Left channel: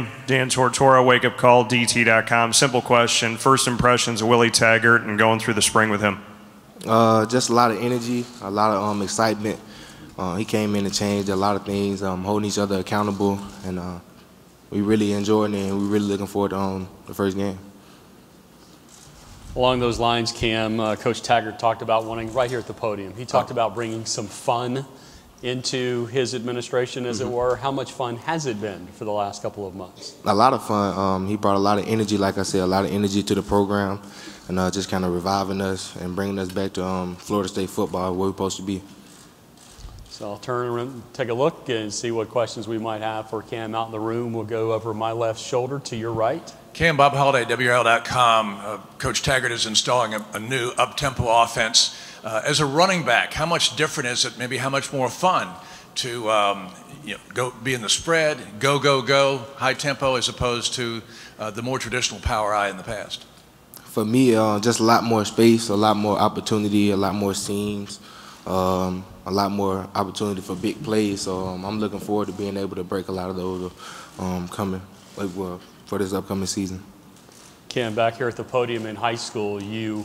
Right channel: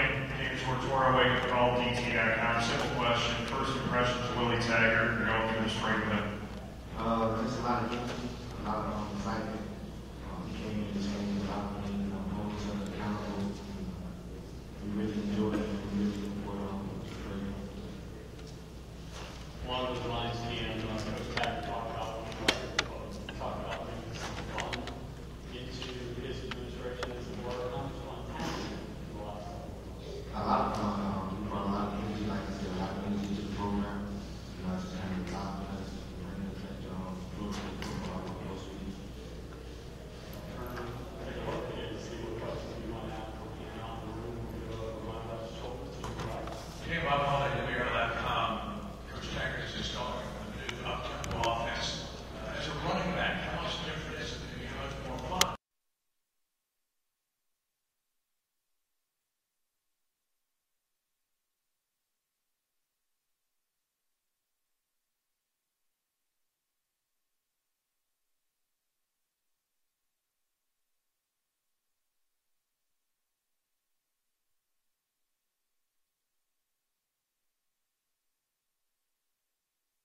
Cam, Dan Tortora, Wake Up Call, DT.com. Simple question. First impressions of Willie Taggart and going through the spring with him. Just a lot of energy, a lot of excitement. He came in and changed a lot of things, holding each other accountable, and we really enjoying it, and we're really looking forward to the first game. Along those lines, Cam, Coach Taggart talked about wanting, right here at the podium, he talked about bringing some fun into his administration, as it were. How much fun has it been for the last couple of months? A lot of fun. He brought a lot of energy, like I said, a lot of energy to the program, and just kind of reviving us and bringing us back to Florida State football, where we're supposed to be. So I'll turn around, take a look and see what questions we might have for Cam out in the room. We'll go over my left shoulder to your right. Cam, Bob Holliday, WRL.com. Coach Taggart is installing a new up-tempo offense. As a running back, how much different is it, maybe how much more fun to go be in the spread, go, high tempo, as opposed to the more traditional power I in the past? For me, just a lot more space, a lot more opportunity, a lot more seams, a lot more opportunity for big plays. So I'm looking forward to being able to break a lot of those coming for this upcoming season. Cam, back here at the podium in high school, you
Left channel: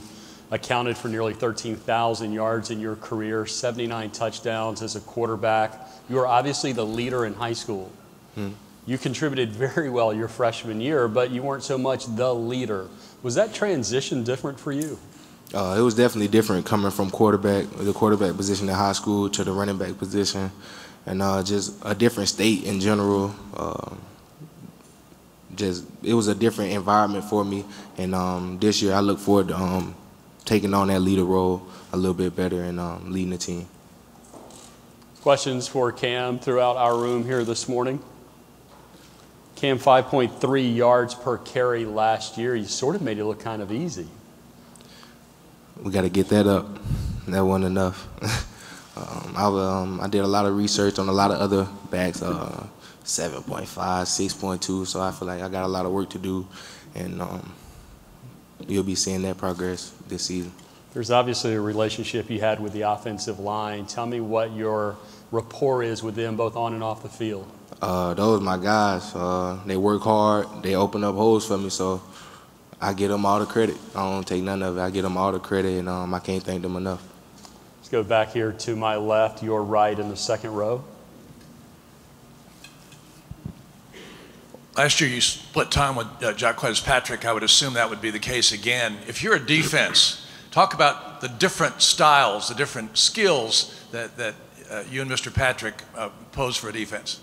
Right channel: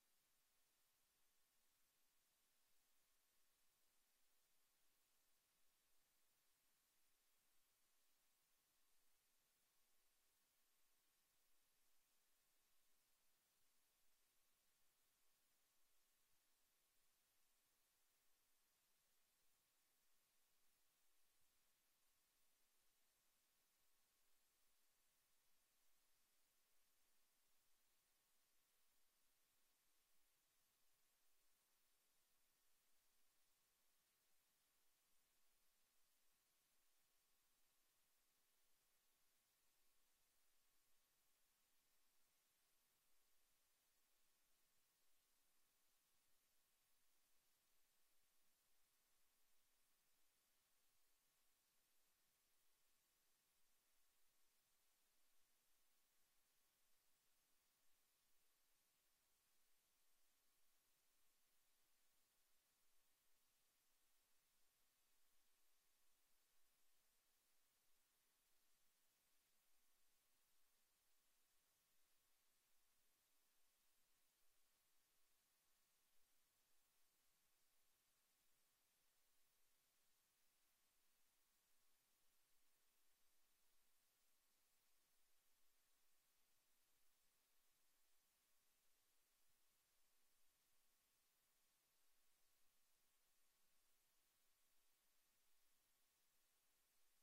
accounted for nearly 13,000 yards in your career, 79 touchdowns as a quarterback. You were obviously the leader in high school. You contributed very well your freshman year, but you weren't so much the leader. Was that transition different for you? It was definitely different coming from the quarterback position in high school to the running back position, and just a different state in general. It was a different environment for me, and this year I look forward to taking on that leader role a little bit better and leading the team. Questions for Cam throughout our room here this morning? Cam, 5.3 yards per carry last year. You sort of made it look kind of easy. We got to get that up. That wasn't enough. I did a lot of research on a lot of other backs, 7.5, 6.2, so I feel like I got a lot of work to do, and you'll be seeing that progress this season. There's obviously a relationship you had with the offensive line. Tell me what your rapport is with them, both on and off the field. Those are my guys. They work hard. They open up holes for me, so I give them all the credit. I don't take none of it. I give them all the credit, and I can't thank them enough. Let's go back here to my left, your right in the second row. Last year you split time with Jacques Patrick. I would assume that would be the case again. If you're a defense, talk about the different styles, the different skills that you and Mr. Patrick pose for a defense.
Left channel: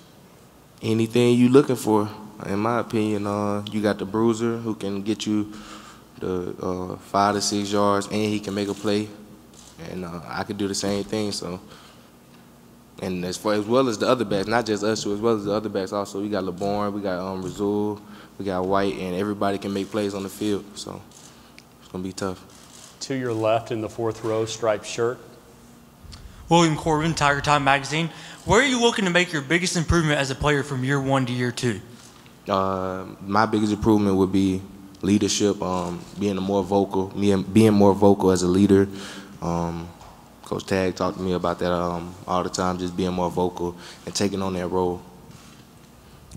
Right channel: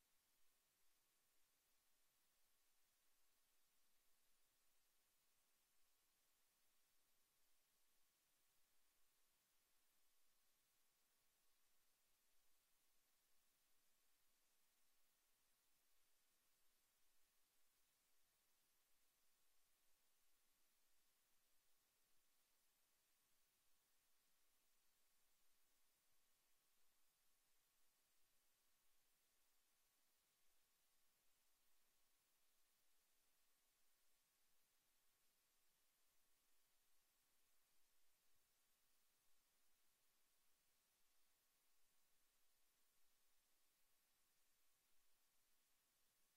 Anything you're looking for, in my opinion. You got the bruiser who can get you the 5 to 6 yards, and he can make a play. And I could do the same thing. So, and as well as the other backs, not just us two, as well as the other backs also. We got LeBorn, we got Razul, we got White, and everybody can make plays on the field. So it's gonna be tough. To your left in the fourth row, striped shirt. William Corbin, Tiger Time Magazine. Where are you looking to make your biggest improvement as a player from year 1 to year 2? My biggest improvement would be leadership, being more vocal as a leader. Coach Tag talked to me about that all the time, just being more vocal and taking on that role.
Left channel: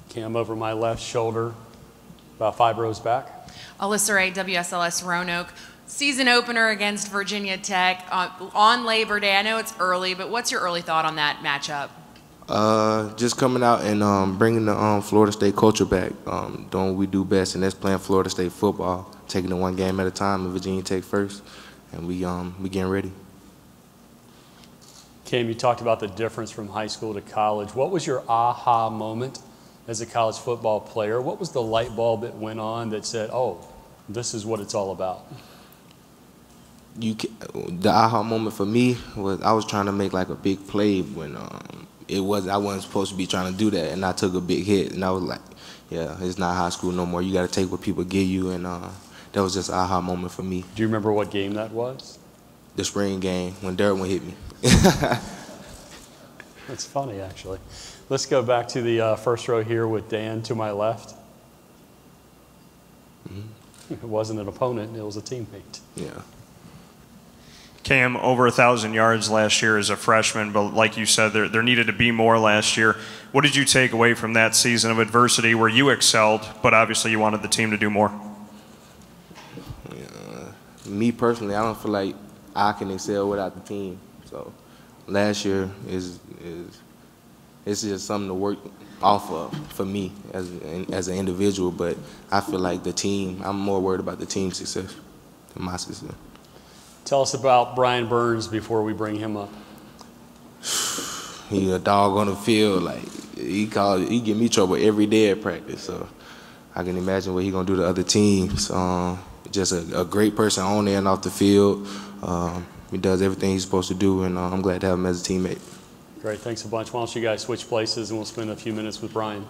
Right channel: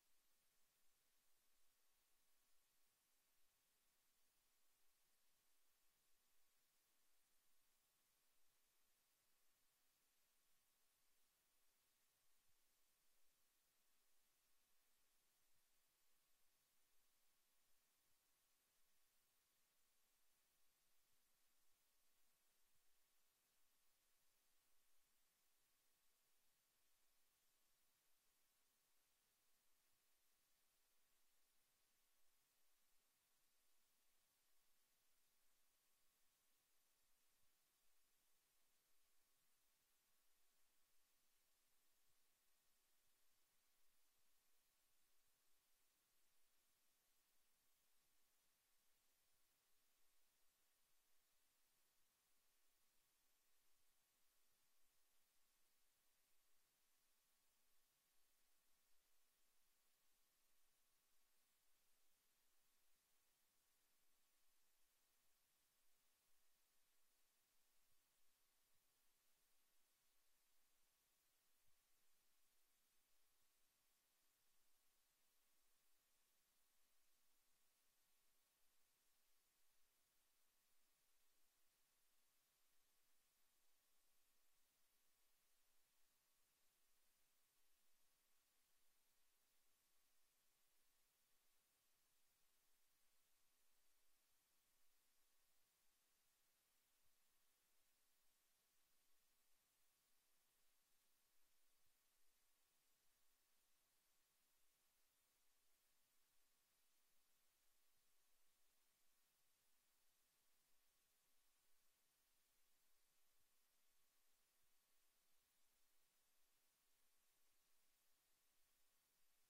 Cam, over my left shoulder, about 5 rows back. Alyssa Ray, WSLS Roanoke. Season opener against Virginia Tech on Labor Day. I know it's early, but what's your early thought on that matchup? Just coming out and bringing the Florida State culture back, doing what we do best, and that's playing Florida State football, taking it one game at a time, and Virginia Tech first, and we getting ready. Cam, you talked about the difference from high school to college. What was your aha moment as a college football player? What was the light bulb that went on that said, oh, this is what it's all about? The aha moment for me was I was trying to make like a big play when I wasn't supposed to be trying to do that, and I took a big hit, and I was like, yeah, it's not high school no more. You got to take what people give you, and that was just an aha moment for me. Do you remember what game that was? The spring game when Derwin hit me. That's funny, actually. Let's go back to the first row here with Dan to my left. It wasn't an opponent, it was a teammate. Yeah. Cam, over 1,000 yards last year as a freshman, but like you said, there needed to be more last year. What did you take away from that season of adversity where you excelled, but obviously you wanted the team to do more? Me personally, I don't feel like I can excel without the team. So last year it's just something to work off of for me as an individual, but I feel like the team, I'm more worried about the team's success than my success. Tell us about Brian Burns before we bring him up. He a dog on the field. Like he give me trouble every day at practice. So I can imagine what he gonna do to other teams. Just a great person on there and off the field. He does everything he's supposed to do, and I'm glad to have him as a teammate. Great, thanks a bunch. Why don't you guys switch places and we'll spend a few minutes with Brian.